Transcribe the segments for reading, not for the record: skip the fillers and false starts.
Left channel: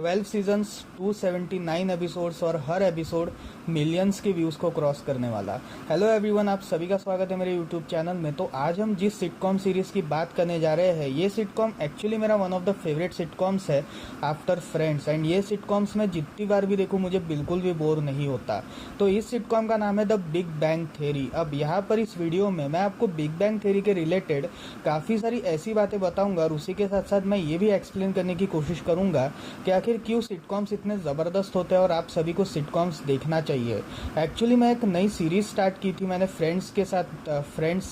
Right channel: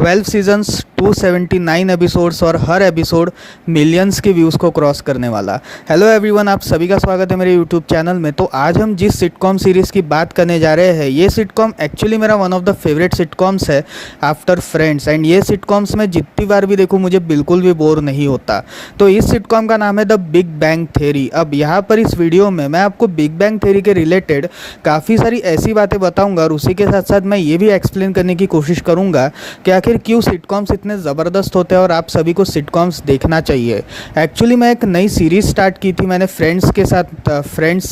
12 seasons, 279 episodes और हर episode millions के views को क्रॉस करने वाला। हेलो एवरीवन, आप सभी का स्वागत है मेरे यूट्यूब चैनल में। तो आज हम जिस सिटकॉम सीरीज़ की बात करने जा रहे हैं, ये सिटकॉम एक्चुअली मेरा one of the favourite sitcoms है आफ्टर फ्रेंड्स। एंड ये सिटकॉम्स मैं जितनी बार भी देखूँ मुझे बिल्कुल भी बोर नहीं होता। तो इस सिटकॉम का नाम है द बिग बैंग थ्योरी। अब यहाँ पर इस वीडियो में मैं आपको बिग बैंग थ्योरी के रिलेटेड काफ़ी सारी ऐसी बातें बताऊँगा और उसी के साथ साथ मैं ये भी एक्सप्लेन करने की कोशिश करूँगा कि आखिर क्यों सिटकॉम्स इतने ज़बरदस्त होते हैं और आप सभी को सिटकॉम्स देखना चाहिए। एक्चुअली मैं एक नई सीरीज़ स्टार्ट की थी मैंने फ्रेंड्स के साथ, फ्रेंड्स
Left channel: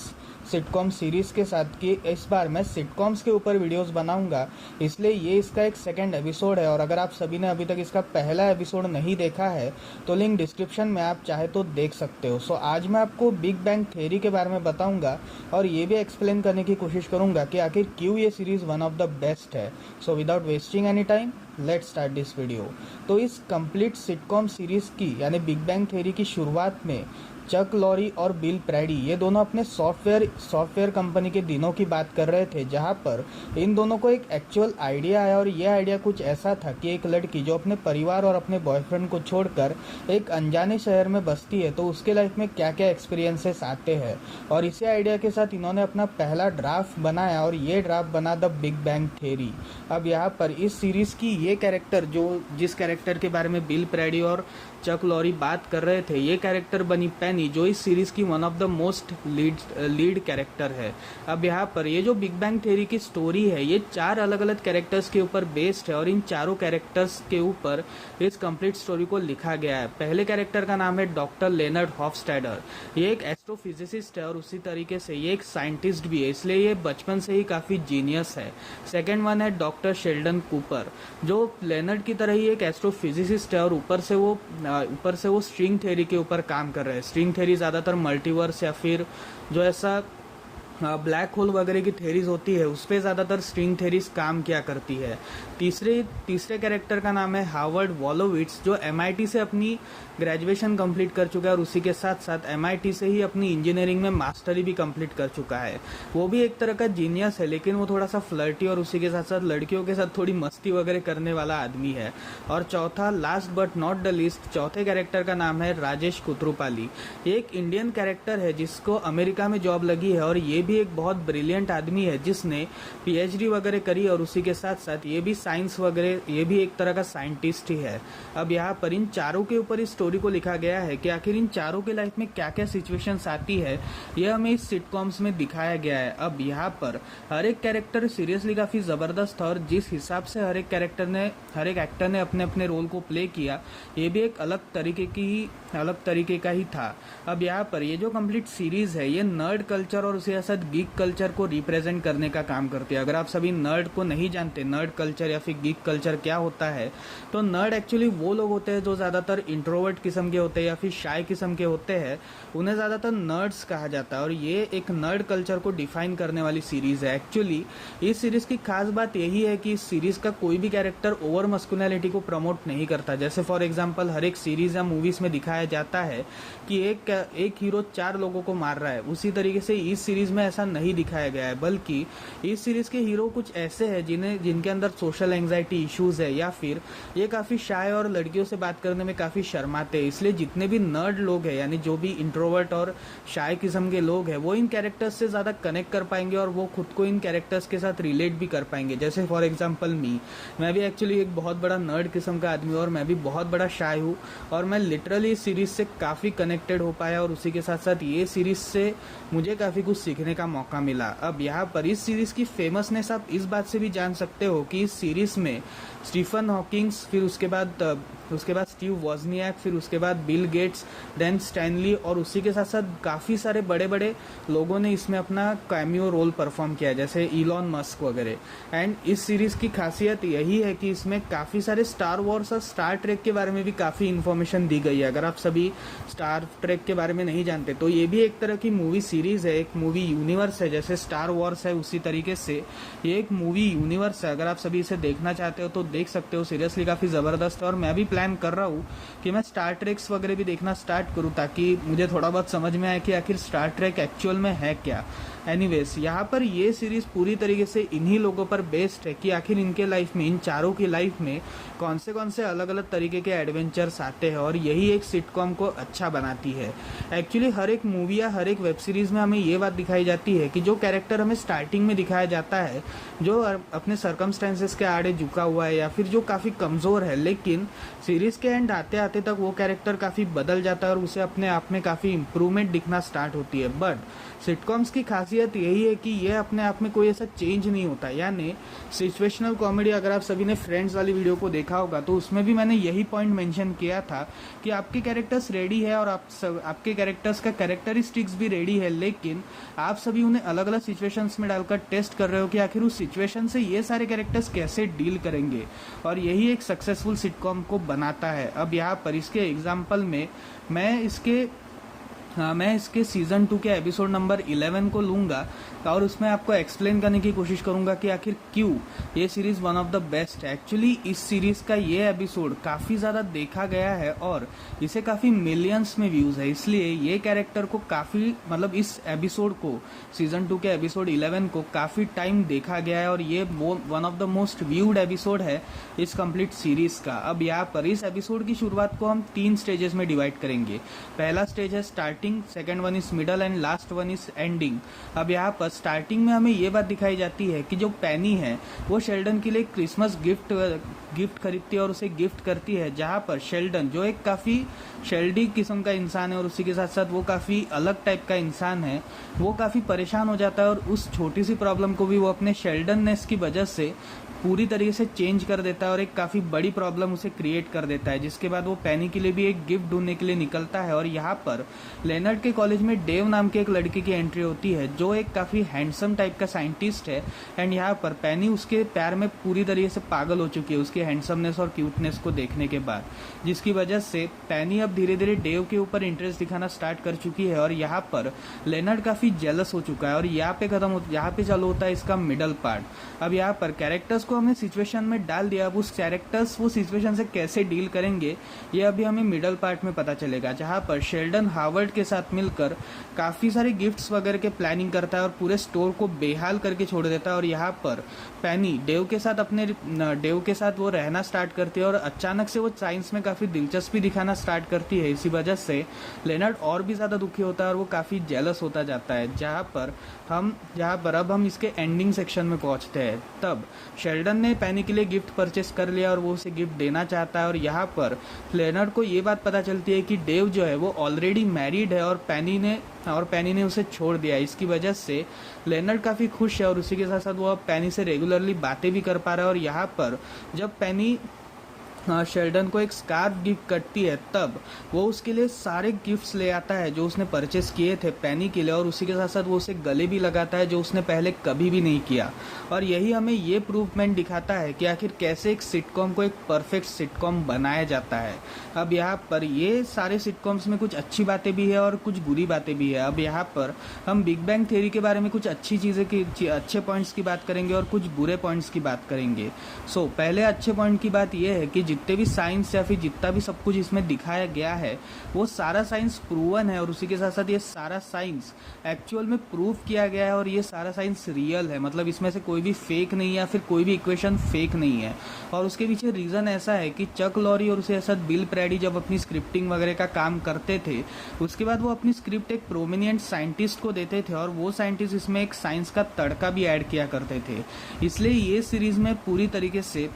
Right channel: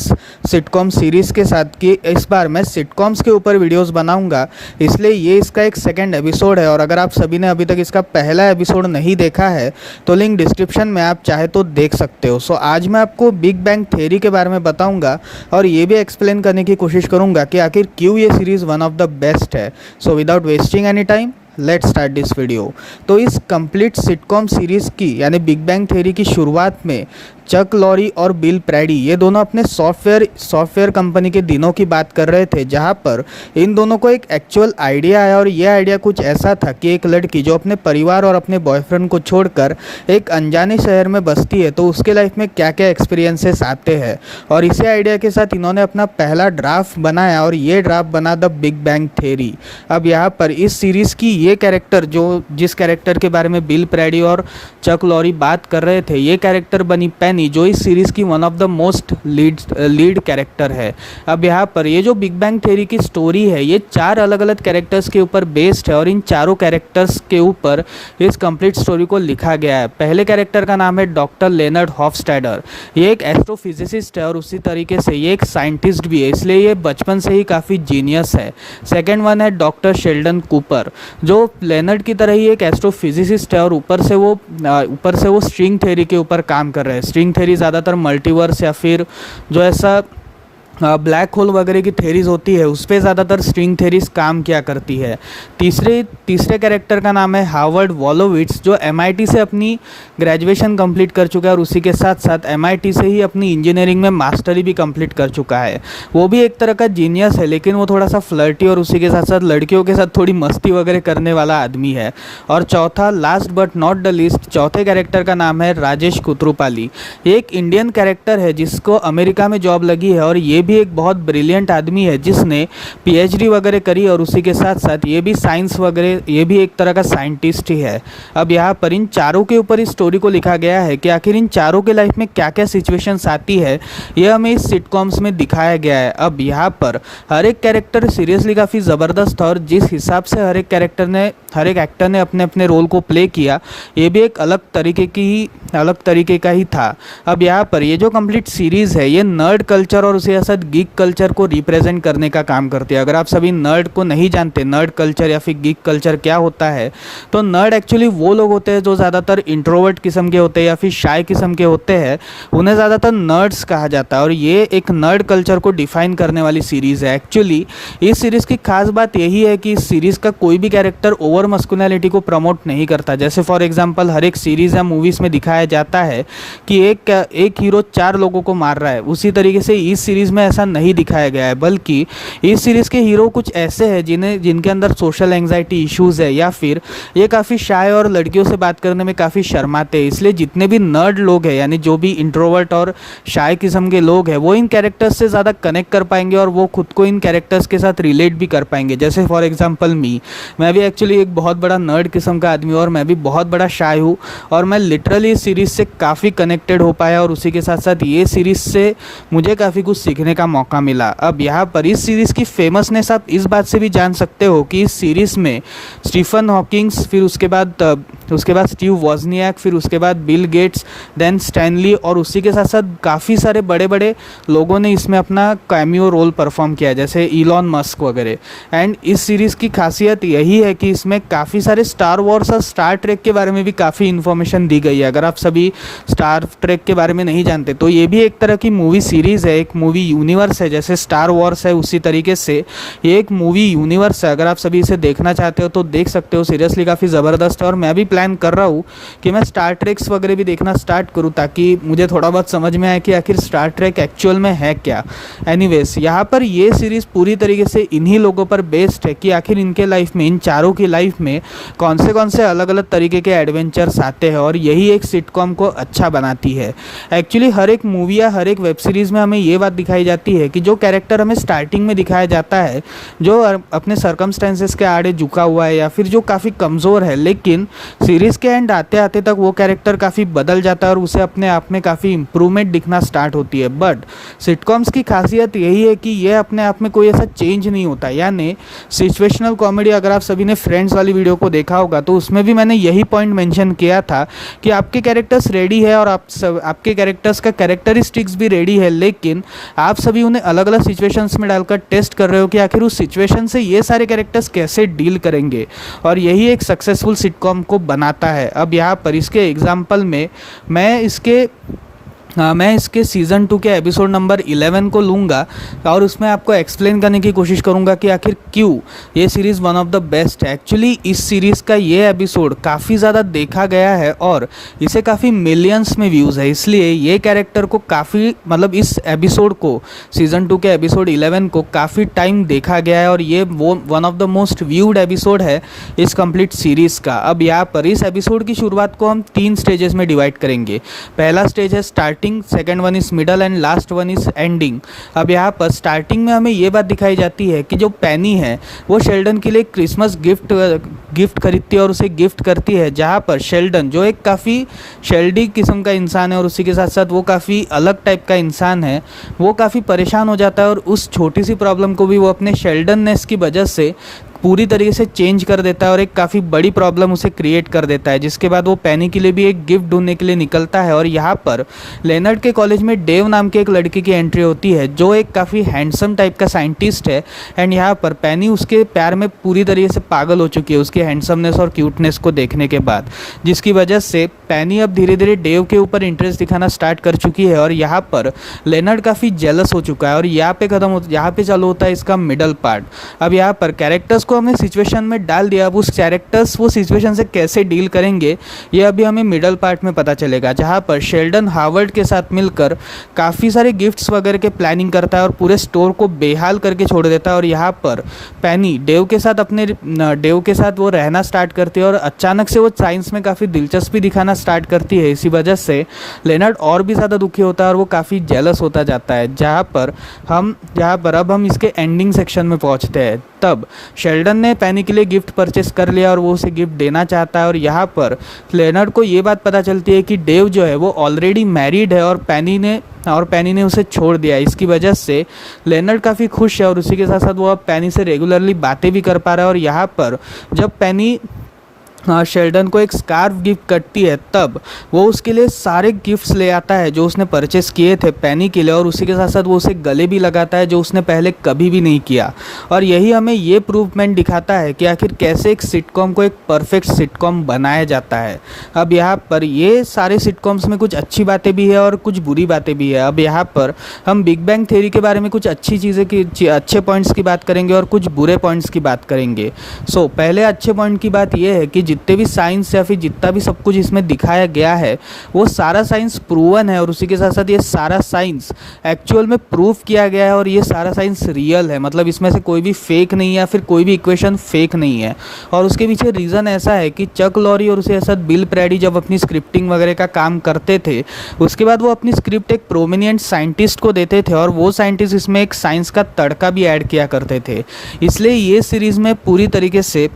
सिटकॉम सीरीज़ के साथ, कि इस बार मैं सिटकॉम्स के ऊपर वीडियोस बनाऊंगा, इसलिए ये इसका एक सेकंड एपिसोड है। और अगर आप सभी ने अभी तक इसका पहला एपिसोड नहीं देखा है तो लिंक डिस्क्रिप्शन में आप चाहे तो देख सकते हो। सो आज मैं आपको बिग बैंग थ्योरी के बारे में बताऊँगा और ये भी एक्सप्लेन करने की कोशिश करूँगा कि आखिर क्यों ये series one of the best है। So without wasting any time let's start this video. तो इस कंप्लीट सिटकॉम सीरीज़ की यानी बिग बैंग थ्योरी की शुरुआत में चक लॉरी और बिल प्रैडी ये दोनों अपने सॉफ्टवेयर कंपनी के दिनों की बात कर रहे थे, जहां पर इन दोनों को एक एक्चुअल आइडिया आया। और ये आइडिया कुछ ऐसा था कि एक लड़की जो अपने परिवार और अपने बॉयफ्रेंड को छोड़कर एक अनजाने शहर में बसती है, तो उसके लाइफ में क्या क्या एक्सपीरियंसेस आते हैं। और इसी आइडिया के साथ इन्होंने अपना पहला ड्राफ्ट बनाया और ये ड्राफ्ट बना द बिग बैंग थ्योरी। अब यहाँ पर इस सीरीज़ की ये कैरेक्टर, जो जिस कैरेक्टर के बारे में बिल प्रैडी और चक लॉरी बात कर रहे थे, ये कैरेक्टर बनी पेनी, जो इस सीरीज़ की one of the most lead character है। अब यहाँ पर ये जो बिग बैंग थ्योरी की स्टोरी है ये 4 अलग अलग कैरेक्टर्स के ऊपर बेस्ड है और इन चारों कैरेक्टर्स के ऊपर इस कंप्लीट स्टोरी को लिखा गया है। पहले कैरेक्टर का नाम है डॉक्टर लेनर्ड हॉफस्टैडर। ये एक एस्ट्रोफिजिसिस्ट है और उसी तरीके से ये एक साइंटिस्ट भी है, इसलिए ये बचपन से ही काफ़ी जीनियस है। सेकेंड वन है डॉक्टर शेल्डन कूपर, जो लेनर्ड की तरह ही एक एस्ट्रोफिजिसिस्ट है और ऊपर से वो स्ट्रिंग थ्योरी के ऊपर काम कर रहे हैं। स्ट्रिंग थ्योरी ज़्यादातर मल्टीवर्स या फिर जो ऐसा ब्लैक होल वगैरह की थेरीज होती है उस पर ज़्यादातर स्ट्रिंग थेरीज काम किया करती है। तीसरे कैरेक्टर का नाम है हार्वर्ड वॉलोविट्स, जो MIT से अपनी ग्रेजुएशन कंप्लीट कर चुका है और उसी के साथ साथ MIT से ही अपनी इंजीनियरिंग में मास्टरी भी कंप्लीट कर चुका है। वो भी एक तरह का जीनियस है, लेकिन वो थोड़ा सा फ्लर्टी और उसी के साथ साथ लड़कियों के साथ थोड़ी मस्ती वगैरह करने वाला आदमी है। और चौथा, last but not the least, चौथे कैरेक्टर का नाम है राजेश कुतरूपाली। ये एक इंडियन कैरेक्टर है जिसको अमेरिका में जॉब लगी है और ये भी एक बहुत ब्रिलियंट आदमी है जिसने PhD वगैरह करी और उसी के साथ साथ ये भी साइंस वगैरह, ये भी एक तरह का साइंटिस्ट ही है। अब यहाँ पर इन चारों के ऊपर इस स्टोरी को लिखा गया है कि आखिर इन चारों के लाइफ में क्या क्या सिचुएशंस आती है, ये हमें इस सिटकॉम्स में दिखाया गया है। अब यहाँ पर हर एक कैरेक्टर सीरियसली काफ़ी ज़बरदस्त था और जिस हिसाब से हर एक एक्टर ने अपने अपने रोल को प्ले किया, ये भी एक अलग तरीके का ही था। अब यहाँ पर ये जो कंप्लीट सीरीज़ है ये नर्ड कल्चर और उसके साथ गीक कल्चर को रिप्रेजेंट करने का काम करती है। अगर आप सभी नर्ड को नहीं जानते, नर्ड कल्चर या फिर गीक कल्चर क्या होता है, तो नर्ड एक्चुअली वो लोग होते हैं जो ज़्यादातर इंट्रोवर्ट किस्म के होते हैं या फिर शाय किस्म के होते हैं, उन्हें ज़्यादातर नर्ड्स कहा जाता है। और ये एक नर्ड कल्चर को डिफाइन करने वाली सीरीज़ है। एक्चुअली इस सीरीज़ की खास बात यही है कि इस सीरीज़ का कोई भी कैरेक्टर ओवर मस्कुलिनिटी को प्रमोट नहीं करता। जैसे फॉर एग्जाम्पल हर एक सीरीज़ या मूवीज़ में दिखाया जाता है कि एक हीरो 4 लोगों को मार रहा है, उसी तरीके से इस सीरीज़ में ऐसा नहीं दिखाया गया है, बल्कि इस सीरीज़ के हीरो कुछ ऐसे हैं जिनके अंदर सोशल एंग्जाइटी इश्यूज़ है या फिर ये काफ़ी शाय और लड़कियों से बात करने में काफ़ी शर्माते हैं। इसलिए जितने भी नर्ड लोग हैं, यानी जो भी इंट्रोवर्ट और शाय किस्म के लोग हैं, वो इन कैरेक्टर्स से ज़्यादा कनेक्ट कर पाएंगे और वो खुद को इन कैरेक्टर्स के साथ रिलेट भी कर पाएंगे। जैसे फॉर एग्जाम्पल मैं भी एक्चुअली एक बहुत बड़ा नर्ड किस्म का आदमी हूँ और मैं भी बहुत बड़ा शाय हूँ और मैं लिटरली इस सीरीज़ से काफ़ी कनेक्टेड हो पाया और उसी के साथ साथ ये सीरीज़ से मुझे काफ़ी कुछ सीखने का मौका मिला। अब यहाँ पर इस सीरीज़ की फेमसनेस आप इस बात से भी जान सकते हो कि इस सीरीज़ में स्टीफन हॉकिंग्स, फिर उसके बाद स्टीव वॉजनियाक, फिर उसके बाद बिल गेट्स, देन स्टैनली और उसी के साथ साथ काफ़ी सारे बड़े बड़े लोगों ने इसमें अपना कैमियो रोल परफॉर्म किया, जैसे इलॉन मस्क वगैरह। एंड इस सीरीज़ की खासियत यही है कि इसमें काफ़ी सारे स्टार वॉर्स और स्टार ट्रेक के बारे में भी काफ़ी इन्फॉर्मेशन दी गई है। अगर आप सभी स्टार ट्रेक के बारे में नहीं जानते तो ये भी एक तरह की मूवी सीरीज़ है, एक मूवी यूनिवर्स है। जैसे स्टार वॉर्स है उसी तरीके से ये एक मूवी यूनिवर्स है। अगर आप सभी इसे देखना चाहते हो तो देख सकते हो, सीरियसली काफ़ी ज़बरदस्त है। और मैं भी प्लान कर रहा हूँ कि मैं स्टार ट्रेक्स वगैरह भी देखना स्टार्ट करूँ ताकि मुझे थोड़ा बहुत समझ में आए कि आखिर स्टार ट्रेक एक्चुअल में है क्या। एनीवेज, यहाँ पर ये सीरीज़ पूरी तरीके से इन्हीं लोगों पर बेस्ड है कि आखिर इनके लाइफ में, इन चारों की लाइफ में कौन से अलग अलग तरीके के एडवेंचर्स आते हैं और यही एक सिटकॉम को अच्छा बनाती है। एक्चुअली हर एक मूवी या हर एक वेब सीरीज़ में हमें ये बात दिखाई जाती है कि जो कैरेक्टर हमें स्टार्टिंग में दिखाया जाता है, जो अपने सर्कमस्टेंसेस के आड़े झुका हुआ है या फिर जो काफ़ी कमज़ोर है, लेकिन सीरीज़ के एंड आते आते तक वो कैरेक्टर काफ़ी बदल जाता है और उसे अपने आप में काफ़ी इंप्रूवमेंट दिखना स्टार्ट होती है। बट सिटकॉम्स की खासियत यही है कि ये अपने आप में कोई ऐसा चेंज नहीं होता। यानी सिचुएशनल कॉमेडी, अगर आप सभी ने फ्रेंड्स वाली वीडियो को देखा होगा तो उसमें भी मैंने यही पॉइंट मेंशन किया था कि आपके कैरेक्टर्स रेडी है और आपके कैरेक्टर्स का कैरेक्टरिस्टिक्स भी रेडी है, लेकिन आप सभी उन्हें अलग अलग सिचुएशंस में डालकर टेस्ट कर रहे हो कि आखिर उस सिचुएशन से ये सारे कैरेक्टर्स कैसे डील करेंगे। और यही एक सक्सेसफुल सिटकॉम को बनाता है। अब यहाँ पर इसके एग्जाम्पल में मैं इसके सीज़न 2 के एपिसोड नंबर 11 को लूँगा और उसमें आपको एक्सप्लेन करने की कोशिश करूँगा कि आखिर क्यों ये series one of the best है। एक्चुअली इस सीरीज़ का ये एपिसोड काफ़ी ज़्यादा देखा गया है और इसे काफ़ी मिलियंस में व्यूज़ है, इसलिए ये कैरेक्टर को काफ़ी, मतलब इस एपिसोड को, सीज़न 2 के एपिसोड 11 को काफ़ी टाइम देखा गया है और ये वो one of the most viewed episode है इस कंप्लीट सीरीज़ का। अब यहाँ पर इस एपिसोड की शुरुआत को हम 3 स्टेजेस में डिवाइड करेंगे। पहला स्टेज है starting, second one is middle and last one is ending. अब यहाँ पर स्टार्टिंग में हमें ये बात दिखाई जाती है कि जो पेनी है वो शेल्डन के लिए क्रिसमस गिफ्ट खरीदती है और उसे गिफ्ट करती है, जहाँ पर शेल्डन, जो एक काफ़ी शेल्डी किस्म का इंसान है और उसी के साथ साथ वो काफ़ी अलग टाइप का इंसान है, वो काफ़ी परेशान हो जाता है और उस छोटी सी प्रॉब्लम को भी वो अपने शेल्डननेस की वजह से पूरी तरीके से चेंज कर देता है और एक काफ़ी बड़ी प्रॉब्लम उसे क्रिएट कर देता है। जिसके बाद वो पेनी के लिए भी एक गिफ्ट ढूंढने के लिए निकलता है और यहाँ पर लेनर्ड के कॉलेज में डेव नाम के एक लड़के की एंट्री होती है जो एक काफ़ी हैंडसम टाइप का साइंटिस्ट है। एंड यहाँ पर पेनी उसके प्यार में पूरी तरीके से पागल हो चुकी है उसकी हैंडसमनेस और क्यूटनेस को देखने के बाद, जिसकी वजह से पेनी अब धीरे धीरे डेव के ऊपर इंटरेस्ट दिखाना स्टार्ट कर चुकी है और यहाँ पर लेनर्ड काफ़ी जेलस हो चुका है। और यहाँ पे चालू होता है इसका मिडल पार्ट। अब यहाँ पर कैरेक्टर्स को हमने सिचुएशन में डाल दिया, अब उस कैरेक्टर्स वो सिचुएशन से कैसे डील करेंगे ये अभी हमें मिडल पार्ट में पता चलेगा, जहाँ पर शेल्डन हार्वर्ड के साथ मिलकर काफ़ी सारे गिफ्ट्स वगैरह के प्लानिंग करता है और पूरे स्टोर को बेहाल करके छोड़ देता है। और यहाँ पर पेनी डेव के साथ वो रहना स्टार्ट करती है और अचानक से वो साइंस में काफ़ी दिलचस्पी दिखाना स्टार्ट करती है। इसी वजह से लेनर्ड और भी ज़्यादा दुखी होता है और वो काफ़ी जेलस होता जाता है। जहाँ पर अब हम इसके एंडिंग सेक्शन में पहुँचते हैं। तब शेल्डन ने पेनी के लिए गिफ्ट परचेस कर लिया और वो उसे गिफ्ट देना चाहता है और यहाँ पर लेनर्ड को ये बात पता चलती है कि डेव जो है वो ऑलरेडी मैरिड है और पेनी ने उसे छोड़ दिया। इसकी वजह से लेनर्ड काफ़ी खुश है और उसी के साथ साथ वो अब पेनी से रेगुलरली बातें भी कर पा रहा है। और यहाँ पर जब पेनी शेल्डन को एक स्कार्फ गिफ्ट करती है तब वो उसके लिए सारे गिफ्ट्स ले आता है जो उसने परचेस किए थे पेनी के लिए, और उसी के साथ साथ वो उसे गले भी लगाता है जो उसने पहले कभी भी नहीं किया। और यही हमें ये प्रूवमेंट दिखाता है कि आखिर कैसे एक सिटकॉम को एक परफेक्ट सिटकॉम बनाया जाता है। अब यहाँ पर ये सारे सिटकॉम्स में कुछ अच्छी बातें भी है और कुछ बुरी बातें भी है। अब यहाँ पर हम बिग बैंग थ्योरी के बारे में कुछ अच्छे पॉइंट्स की बात करेंगे और कुछ बुरे पॉइंट्स की बात करेंगे। सो पहले अच्छे पॉइंट की बात यह है कि जितने भी साइंस या फिर जितना भी सब कुछ इसमें दिखाया गया है वो सारा साइंस प्रूवन है और उसी के साथ साथ ये सारा साइंस एक्चुअल में प्रूव किया गया है और ये सारा साइंस रियल है। मतलब इसमें से कोई भी फेक नहीं है या फिर कोई भी इक्वेशन फेक नहीं है। और उसके पीछे रीज़न ऐसा है कि चक लॉरी और उसके साथ बिल प्रेडी जब अपनी स्क्रिप्टिंग वगैरह का काम करते थे उसके बाद वो अपनी स्क्रिप्ट एक प्रोमिनेंट साइंटिस्ट को देते थे और वो साइंटिस्ट इसमें एक साइंस का तड़का भी ऐड किया करते थे। इसलिए ये सीरीज़ में पूरी तरीके से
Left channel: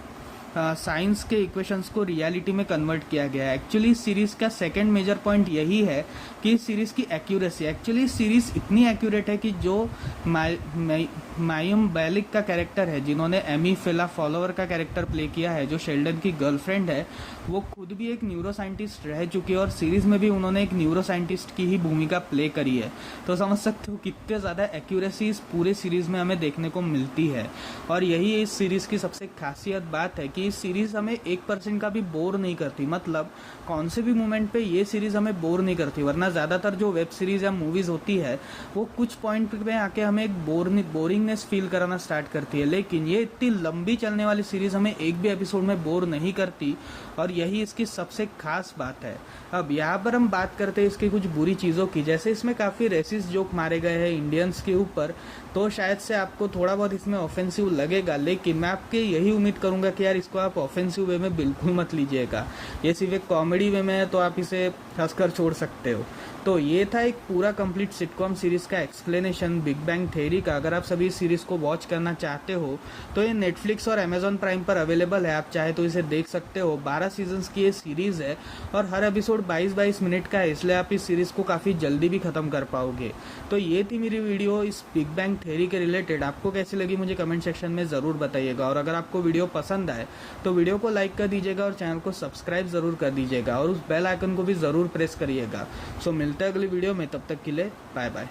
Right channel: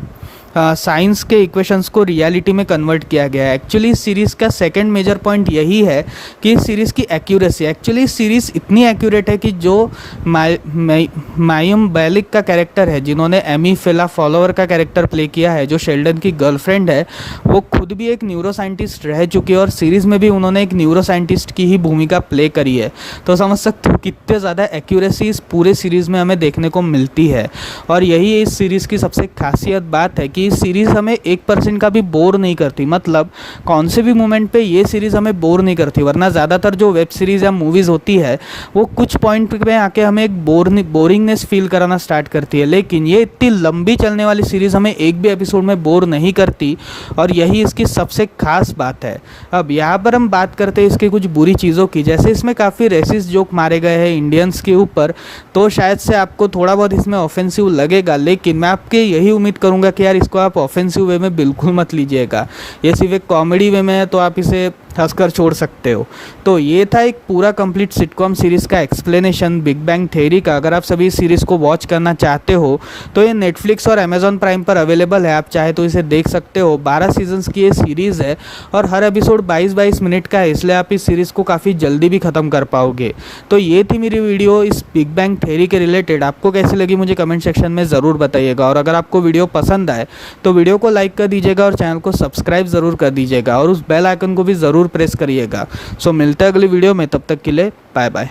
साइंस के इक्वेशंस को रियलिटी में कन्वर्ट किया गया है। एक्चुअली इस सीरीज़ का सेकंड मेजर पॉइंट यही है कि इस सीरीज़ की एक्यूरेसी, एक्चुअली इस सीरीज़ इतनी एक्यूरेट है कि जो मायम बैलिक का कैरेक्टर है जिन्होंने एमी फेला फॉलोवर का कैरेक्टर प्ले किया है जो शेल्डन की गर्लफ्रेंड है, वो खुद भी एक न्यूरो साइंटिस्ट रह चुकी है और सीरीज़ में भी उन्होंने एक न्यूरो साइंटिस्ट की ही भूमिका प्ले करी है। तो समझ सकते हो कितने ज़्यादा एक्यूरेसी इस पूरे सीरीज़ में हमें देखने को मिलती है। और यही इस सीरीज़ की सबसे खासियत बात है कि कि सीरीज़ हमें 1% का भी बोर नहीं करती, मतलब कौन से भी मोमेंट पे ये सीरीज़ हमें बोर नहीं करती। वरना ज़्यादातर जो वेब सीरीज़ या मूवीज़ होती है वो कुछ पॉइंट पे आके हमें एक बोरिंगनेस फील कराना स्टार्ट करती है, लेकिन ये इतनी लंबी चलने वाली सीरीज़ हमें एक भी एपिसोड में बोर नहीं करती, और यही इसकी सबसे खास बात है। अब यहाँ पर हम बात करते हैं इसकी कुछ बुरी चीज़ों की, जैसे इसमें काफ़ी रेसिस्ट जोक मारे गए हैं इंडियंस के ऊपर, तो शायद से आपको थोड़ा बहुत इसमें ऑफेंसिव लगेगा, लेकिन मैं आपके यही उम्मीद करूँगा कि यार इसको आप ऑफेंसिव वे में बिल्कुल मत लीजिएगा। ये सिर्फ एक कॉमेडी वे में है, तो आप इसे हंसकर छोड़ सकते हो। तो ये था एक पूरा कंप्लीट सिटकॉम सीरीज़ का एक्सप्लेनेशन बिग बैंग थ्योरी का। अगर आप सभी सीरीज़ को वॉच करना चाहते हो तो ये नेटफ्लिक्स और अमेजॉन प्राइम पर अवेलेबल है, आप चाहे तो इसे देख सकते हो। 12 सीजन्स की ये सीरीज़ है और हर एपिसोड 22-22 मिनट का है, इसलिए आप इस सीरीज़ को काफ़ी जल्दी भी ख़त्म कर पाओगे। तो ये थी मेरी वीडियो इस बिग बैंग थ्योरी के रिलेटेड। आपको कैसी लगी मुझे कमेंट सेक्शन में ज़रूर बताइएगा, और अगर आपको वीडियो पसंद आए तो वीडियो को लाइक कर दीजिएगा और चैनल को सब्सक्राइब ज़रूर कर दीजिएगा, और उस बेल आइकन को भी ज़रूर प्रेस करिएगा। सो मिलते हैं अगली वीडियो में, तब तक के लिए बाय बाय।